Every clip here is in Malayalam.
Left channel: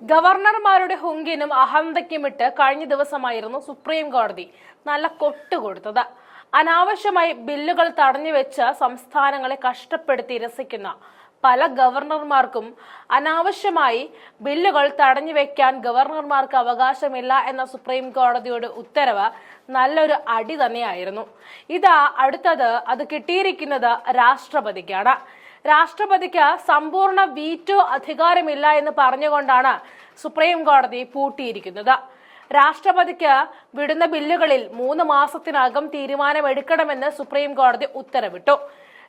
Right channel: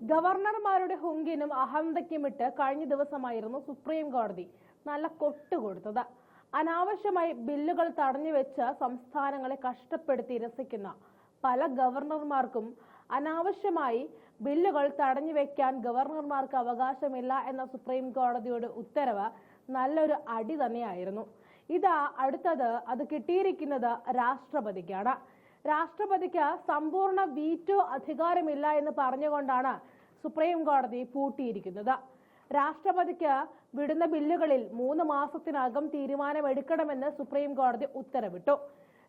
ഗവർണർമാരുടെ ഹുങ്കിനും അഹന്തയ്ക്കുമിട്ട് കഴിഞ്ഞ ദിവസമായിരുന്നു സുപ്രീം കോടതി നല്ല കൊട്ടുകൊടുത്തത്. അനാവശ്യമായി ബില്ലുകൾ തടഞ്ഞുവെച്ച് സംസ്ഥാനങ്ങളെ കഷ്ടപ്പെടുത്തി രസിക്കുന്ന പല ഗവർണർമാർക്കും അനാവശ്യമായി ബില്ലുകൾ തടഞ്ഞുവെക്കാൻ ഗവർണർമാർക്ക് അവകാശമില്ല എന്ന സുപ്രീം കോടതിയുടെ ഉത്തരവ് നല്ലൊരു അടി തന്നെയായിരുന്നു. അടുത്തത് അത് കിട്ടിയിരിക്കുന്നത് രാഷ്ട്രപതിക്കാണ്. രാഷ്ട്രപതിക്ക് സമ്പൂർണ്ണ വീറ്റോ അധികാരമില്ല എന്ന് പറഞ്ഞുകൊണ്ടാണ് സുപ്രീം കോടതി പൂട്ടിയിരിക്കുന്നത്. രാഷ്ട്രപതിക്ക് വിടുന്ന ബില്ലുകളിൽ 3 മാസത്തിനകം തീരുമാനമെടുക്കണമെന്ന് സുപ്രീം കോടതി ഉത്തരവിട്ടു.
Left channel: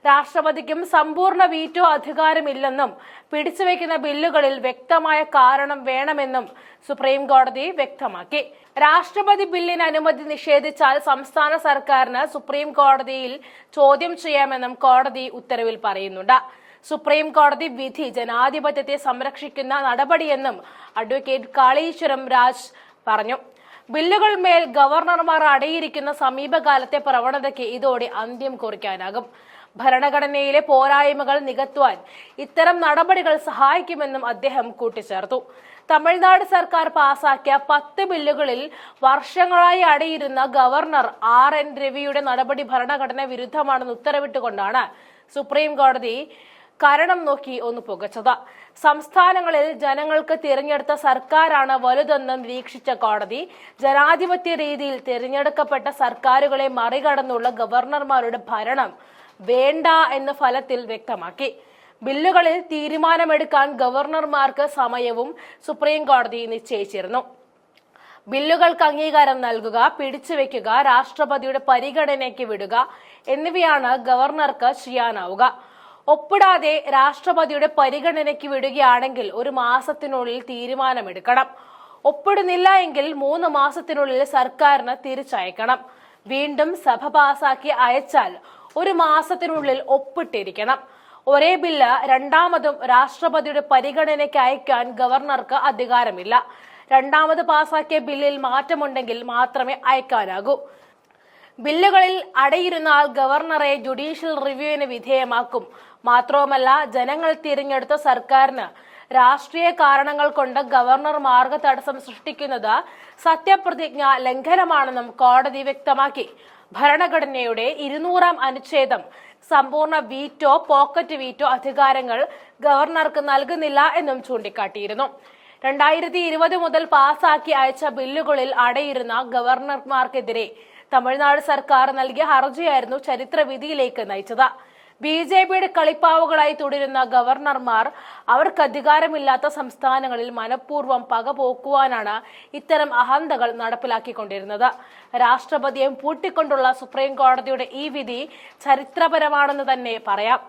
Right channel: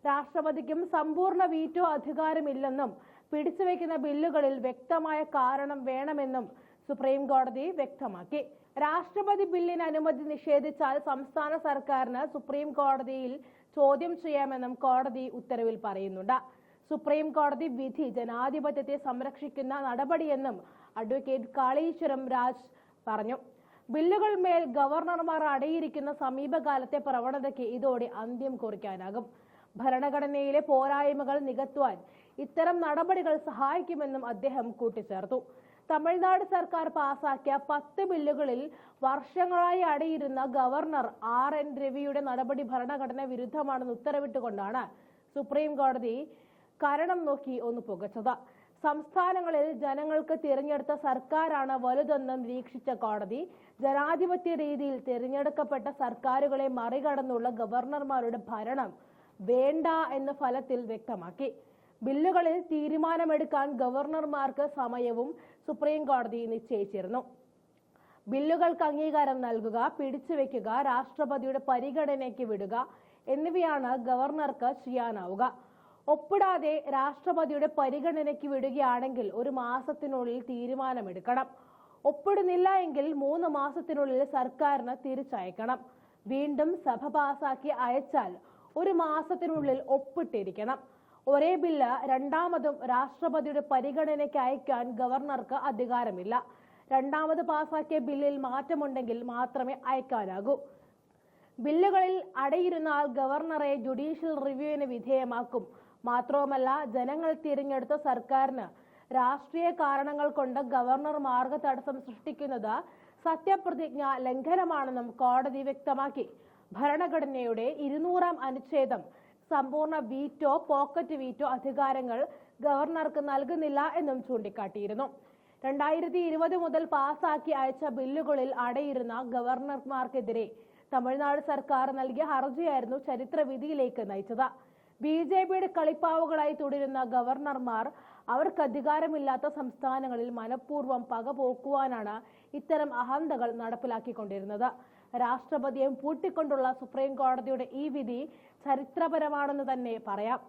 രാഷ്ട്രപതിക്കും സമ്പൂർണ്ണ വീറ്റോ അധികാരമില്ലെന്നും പിടിച്ചുവെക്കുന്ന ബില്ലുകളിൽ വ്യക്തമായ കാരണം വേണമെന്നും സുപ്രീം കോടതി വ്യക്തമാക്കി. രാഷ്ട്രപതി ബില്ലിന് അനുമതി നിഷേധിച്ചാൽ സംസ്ഥാന സർക്കാരിന് സുപ്രീം കോടതിയിൽ ചോദ്യം ചെയ്യാമെന്നും കോടതി ഉത്തരവിൽ പറയുന്നുണ്ട്. സുപ്രീം കോടതി വിധി ജനാധിപത്യത്തെ സംരക്ഷിക്കുന്ന നടപടിയെന്നും അഡ്വക്കേറ്റ് കാളീശ്വരം രാജ് പറഞ്ഞു. ബില്ലുകൾ മേൽ ഗവർണർമാർ അടയിരിക്കുന്ന സമീപകാലത്തെ പ്രവണതയ്ക്ക് ഇതോടെ അന്ത്യം കുറിക്കാനാകും. ഭരണഘടനയിലെ പോരായ്മകൾ നികത്തുവാൻ ഇത്തരം നടപടികൾ സഹായിക്കുമെന്നും അദ്ദേഹം കൂട്ടിച്ചേർത്തു. തമിഴ്നാട് സർക്കാർ പാസാക്കിയ 10 ബില്ലുകളിൽ വർഷങ്ങളായി അടയിരുന്ന ഗവർണർ RN രവിയുടെ നടപടി ഭരണഘടന വിരുദ്ധമാണെന്ന് ഉത്തരവിട്ടുകൊണ്ടാണ് സുപ്രീം കോടതി കാരണം നോക്കി ഒന്ന് പുകച്ചത്. സംസ്ഥാനങ്ങളിൽ ജനങ്ങൾക്ക് തിരഞ്ഞെടുത്ത സർക്കാരാണ് വലുതെന്ന് നിരീക്ഷിച്ച കോടതി ജനാധിപത്യ രീതിയിൽ തിരഞ്ഞെടുക്കപ്പെട്ട സർക്കാരുകളെ മറികടന്നുള്ള ഗവർണർമാരുടെ ഭരണം വേണ്ട എന്ന് ഫലത്തിൽ വ്യക്തമാക്കി. ബില്ലുകളിൽ തീരുമാനമെടുക്കാൻ ഗവർണർമാർക്ക് സമയവും സുപ്രീം കോടതി നിശ്ചയിച്ചിരുന്നു. ബില്ലുകൾക്ക് അംഗീകാരം നൽകുക, പിടിച്ചുവെക്കുക, രാഷ്ട്രപതിയുടെ പരിഗണനയ്ക്ക് വിടുക എന്നിവയാണ് ഗവർണർക്ക് ചെയ്യാനാവുക. ഒപ്പിടാതെ രാഷ്ട്രപതിയുടെ പരിഗണനയ്ക്ക് വിടുകയാണെങ്കിൽ 1 മാസത്തിനുള്ളിൽ തീരുമാനമെടുക്കണം. ഒപ്പിടുന്നില്ല എങ്കിൽ 3 മാസത്തിനുള്ളിൽ സർക്കാരിന് തിരിച്ചയക്കണം. വീണ്ടും സഭ പാസാക്കി അയച്ചാൽ 1 മാസത്തിനുള്ളിൽ ഒപ്പിട്ടിരിക്കണം. ഒരേ ബില്ല് രണ്ടാമതും രാഷ്ട്രപതിയുടെ പരിഗണനയ്ക്ക് അയക്കാൻ ഗവർണർക്ക് അധികാരമില്ല. രണ്ടാമത് പാസാക്കിയ ബില്ലിൽ മാറ്റമുണ്ടെങ്കിൽ മാത്രമേ അയക്കാനാകൂ. ബില്ലുകളിൽ അടയിരുന്നാൽ ഗവർണറെ ജുഡീഷ്യൽ റിവ്യൂവിന് വിധേയമാക്കും. മാത്രവുമല്ല, ജനങ്ങൾ തിരഞ്ഞെടുത്ത സർക്കാരിന് രാഷ്ട്രീയ കാരണങ്ങൾ കൊണ്ട് ഗവർണർ മാർഗതടസ്സം സൃഷ്ടിക്കുന്നത് സത്യപ്രതിജ്ഞ ലംഘനമാണെന്നും കോടതി വ്യക്തമാക്കി. ഭരണഘടനയുടെ 200-ാം അനുച്ഛേദം സമ്പൂർണ്ണ വീറ്റോ, പോക്കറ്റ് വീറ്റോ അധികാരങ്ങൾ ഗവർണർക്ക് നൽകുന്നില്ല എന്നും ചൂണ്ടിക്കാട്ടിയിരുന്നു. 2020 മുതൽ പാസാക്കി അയച്ച ബില്ലുകളിൽ അടയിരുന്ന ഗവർണർമാർക്കെതിരെ തമിഴ്നാട് സർക്കാർ നൽകിയ ഹർജിയായിരുന്നു ചരിത്രവിധിയിലേക്ക് നയിച്ചത്. BJPയുടെ കളിപ്പാവുകളായി തുടരുന്ന ഗവർണർമാർ അവർക്ക് അധികാരമില്ലാത്ത സംസ്ഥാനങ്ങളിൽ മനഃപൂർവ്വം പകപോക്കുവാനാണ് ഇത്തരം അഹന്തകൾ നടപ്പിലാക്കിക്കൊണ്ടിരുന്നത്. രാഷ്ട്രപതിയെ പൂട്ടിക്കൊണ്ടുള്ള സുപ്രീം കോടതിയുടെ ഈ വിധി ചരിത്രപരമാണെന്ന് തന്നെ പറയാം.